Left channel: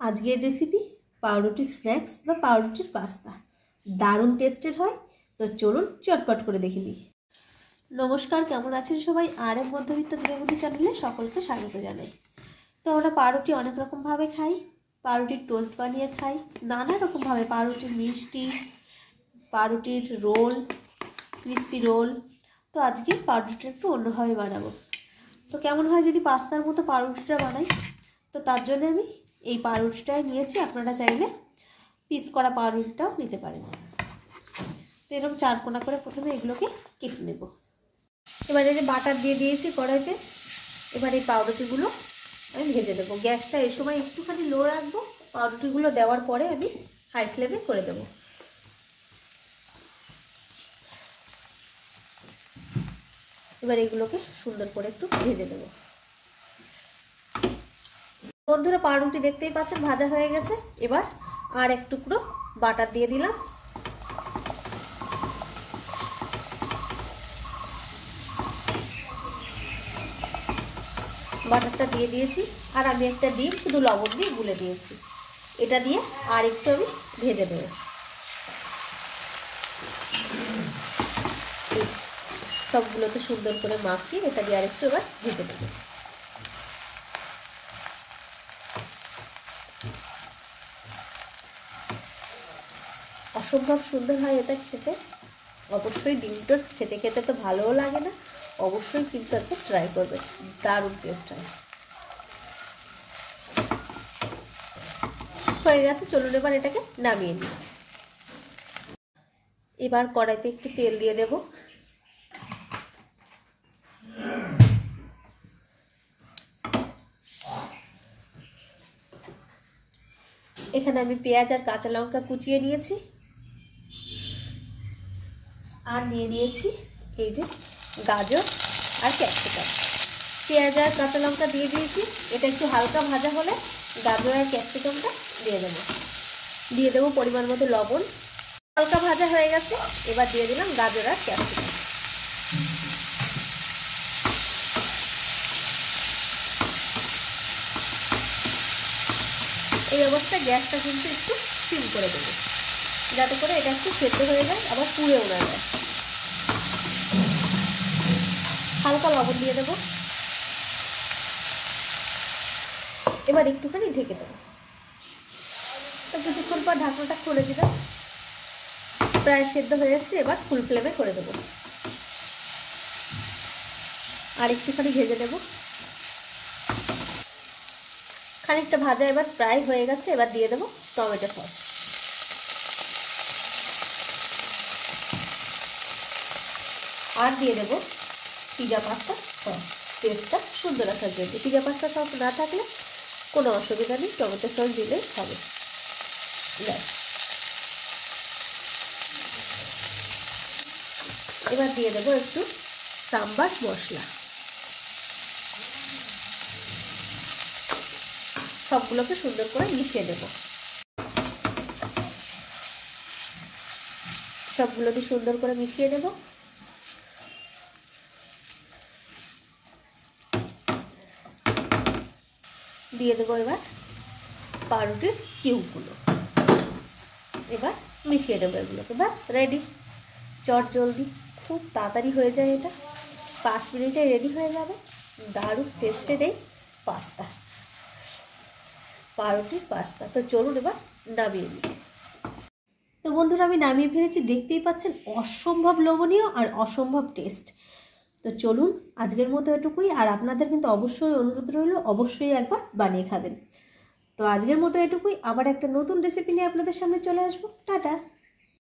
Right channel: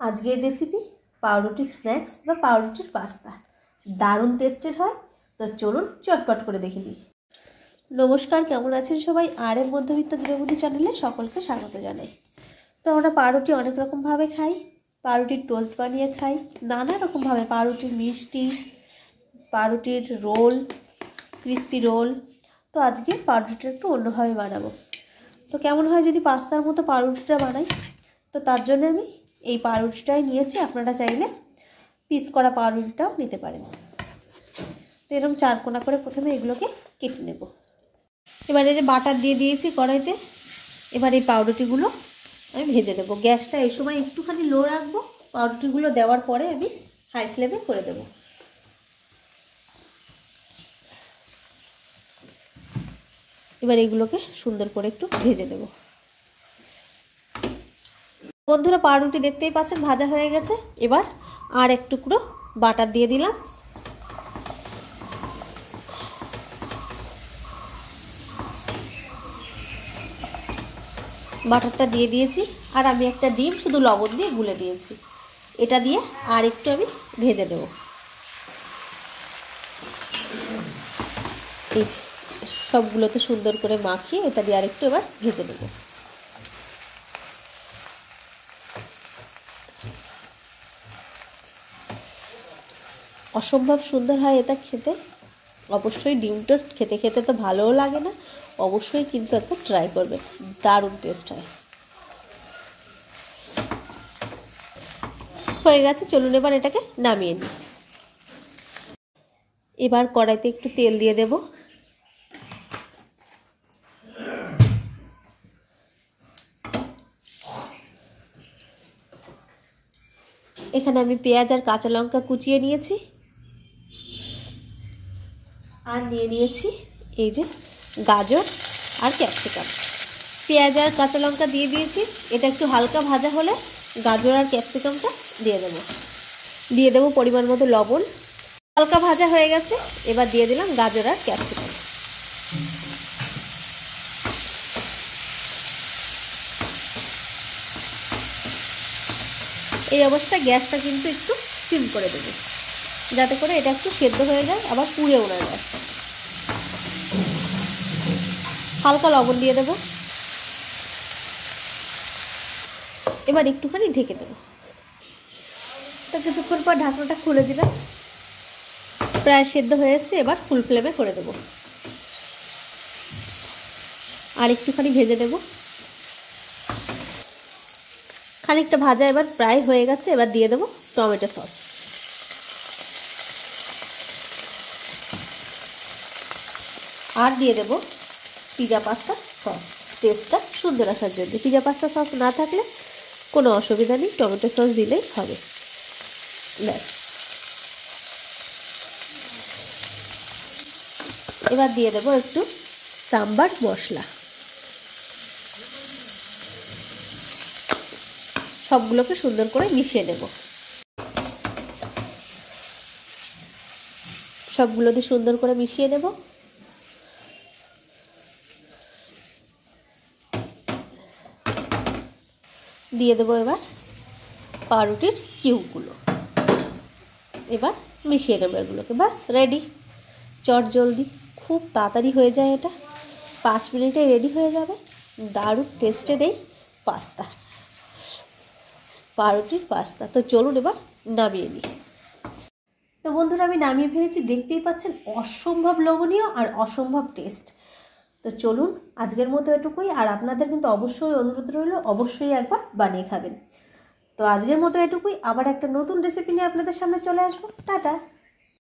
আজকের রেসিপি পাউরুটি স্ন্যাক্স বা পাউরুটির পাস্তা। দারুণ টেস্টেড হয়। তো চলুন চটপট করে দেখে নিই। নমস্কার, কেমন আছেন সবাই? আর এর মধ্যবিত্ত গৃহবধূ চ্যানেলে সকলকে স্বাগত জানাই। তো আমরা পাউরুটি অনেক রকমভাবে খাই। পাউরুটির টোস্ট বানিয়ে খাই, নানা রকমভাবে পাউরুটির মিষ্টি, পাউরুটির রোল, ক্রিসপি রোল। তো আজকে পাউরুটিটা একটু অন্যভাবে বানাবো। তো কেমন হয় যদি পাস্তার মতো পাউরুটিটা বানাই? তো তার জন্য আমি এই পাউরুটিটাই নিয়েছি। আপনারা চাইলে পিস করা পাউরুটিটাও নিতে পারেন। তো এরকম চারকোনা করে প্রথমে এগুলোকে কেটে নেব। এবার এই যে বাটার দিয়ে দিয়েছি কড়াইতে। এবার এই পাউরুটিগুলো আমি ভেজে নেব। গ্যাসটা এই সময় একটুখানি লো রাখবো। পাউরুটিগুলো দেওয়ার পরে আমি হাই ফ্লেমে করে দেবো। এবার এগুলোকে সুন্দর করে একটু ভেজে নেব। বন্ধুরা, পাউরুটি দেখতেই পাচ্ছেন ভাজা হয়ে গেছে। এবার আর এক টুকরো বাটার দিয়ে দিলাম। বাটারটা দিয়ে দিয়েছি। আর আমি একটা ডিম শুধু লবণ দিয়ে গুলে দিয়েছি। এটা দিয়ে আর একটু আমি ভেজে নেব। এই সবগুলোকে সুন্দর করে মাখিয়ে এটা দিয়ে আর একটু এবার ভেজে নেব। অসম্ভব সুন্দর হয় এটা খেতে। অবশ্যই ডিম টোস্ট খেতে খেতে তো ভালোও লাগে না, অবশ্যই কিন্তু একবার ট্রাই করবেন, দারুণ টেস্ট হয়। হয়ে গেছে, চলুন এবার এটাকে নামিয়ে নিই। এবার কড়াইতে একটু তেল দিয়ে দেব। এখানে আমি পেঁয়াজ আর কাঁচা লঙ্কা কুচিয়ে নিয়েছি। আর নিয়ে নিয়েছি এই যে গাজর আর ক্যাপসিকাম। পেঁয়াজ আর কাঁচা লঙ্কা দিয়ে দিয়েছি। এটা একটু হালকা ভাজা হলে গাজর আর ক্যাপসিকামটা দিয়ে দেবো পরিমাণ মতো লবণ। হালকা ভাজা হয়ে গেছে, এবার দিয়ে দিলাম গাজর আর ক্যাপসিকাম। এই অবস্থায় গ্যাসটা কিন্তু একটু সিম করে দেবো, যাতে করে এটা একটু সেদ্ধ হয়ে যায়, আবার পুড়েও না যায়। হালকা লবণ দিয়ে দেবো। এবার একটুখানি ঢেকে দেবো। তো কিছুক্ষণ পর ঢাকনাটা খুলে দিলাম। প্রায় সেদ্ধ হয়ে এসছে। এবার ফুল ফ্লেমে করে দেবো। আর একটুখানি ভেজে দেবো। খানিকটা ভাজা এবার প্রায় হয়ে গেছে। এবার দিয়ে দেবো টমেটো সস। আর দিয়ে দেবো পিজা পাস্তা সস, টেস্টটা সুন্দর রাখার জন্য। পিজা পাস্তা সস না থাকলে কোনো অসুবিধা নেই, টমেটো সস দিলেই হবে। ব্যাস। এবার দিয়ে দেবো একটু সাম্বার মশলা। সবগুলোকে সুন্দর করে মিশিয়ে নেব। সবগুলোকে সুন্দর করে মিশিয়ে নেব। দিয়ে দেবো এবার পাউরুটির কিউবগুলো। এবার মিশিয়ে নেবো এগুলোকে। বাস রেডি। চট জলদি, খুব তাড়াতাড়ি হয়ে যায় এটা। 5 মিনিটে রেডি হয়ে যাবে দারুণ টেস্টের এই পাস্তা, পাউরুটির পাস্তা। তো চলুন এবার নামিয়ে নিই। তো বন্ধুরা, আমি নামিয়ে ফেলেছি। দেখতেই পাচ্ছেন অসম্ভব লোভনীয় আর অসম্ভব টেস্ট। তো চলুন আজকের মতো এটুকুই। আর আপনাদের কিন্তু অবশ্যই অনুরোধ রইল, অবশ্যই একবার বানিয়ে খাবেন। তো আজকের মতো এটুকুই। আবার একটা নতুন রেসিপি নিয়ে আপনাদের সামনে চলে আসবো। টাটা।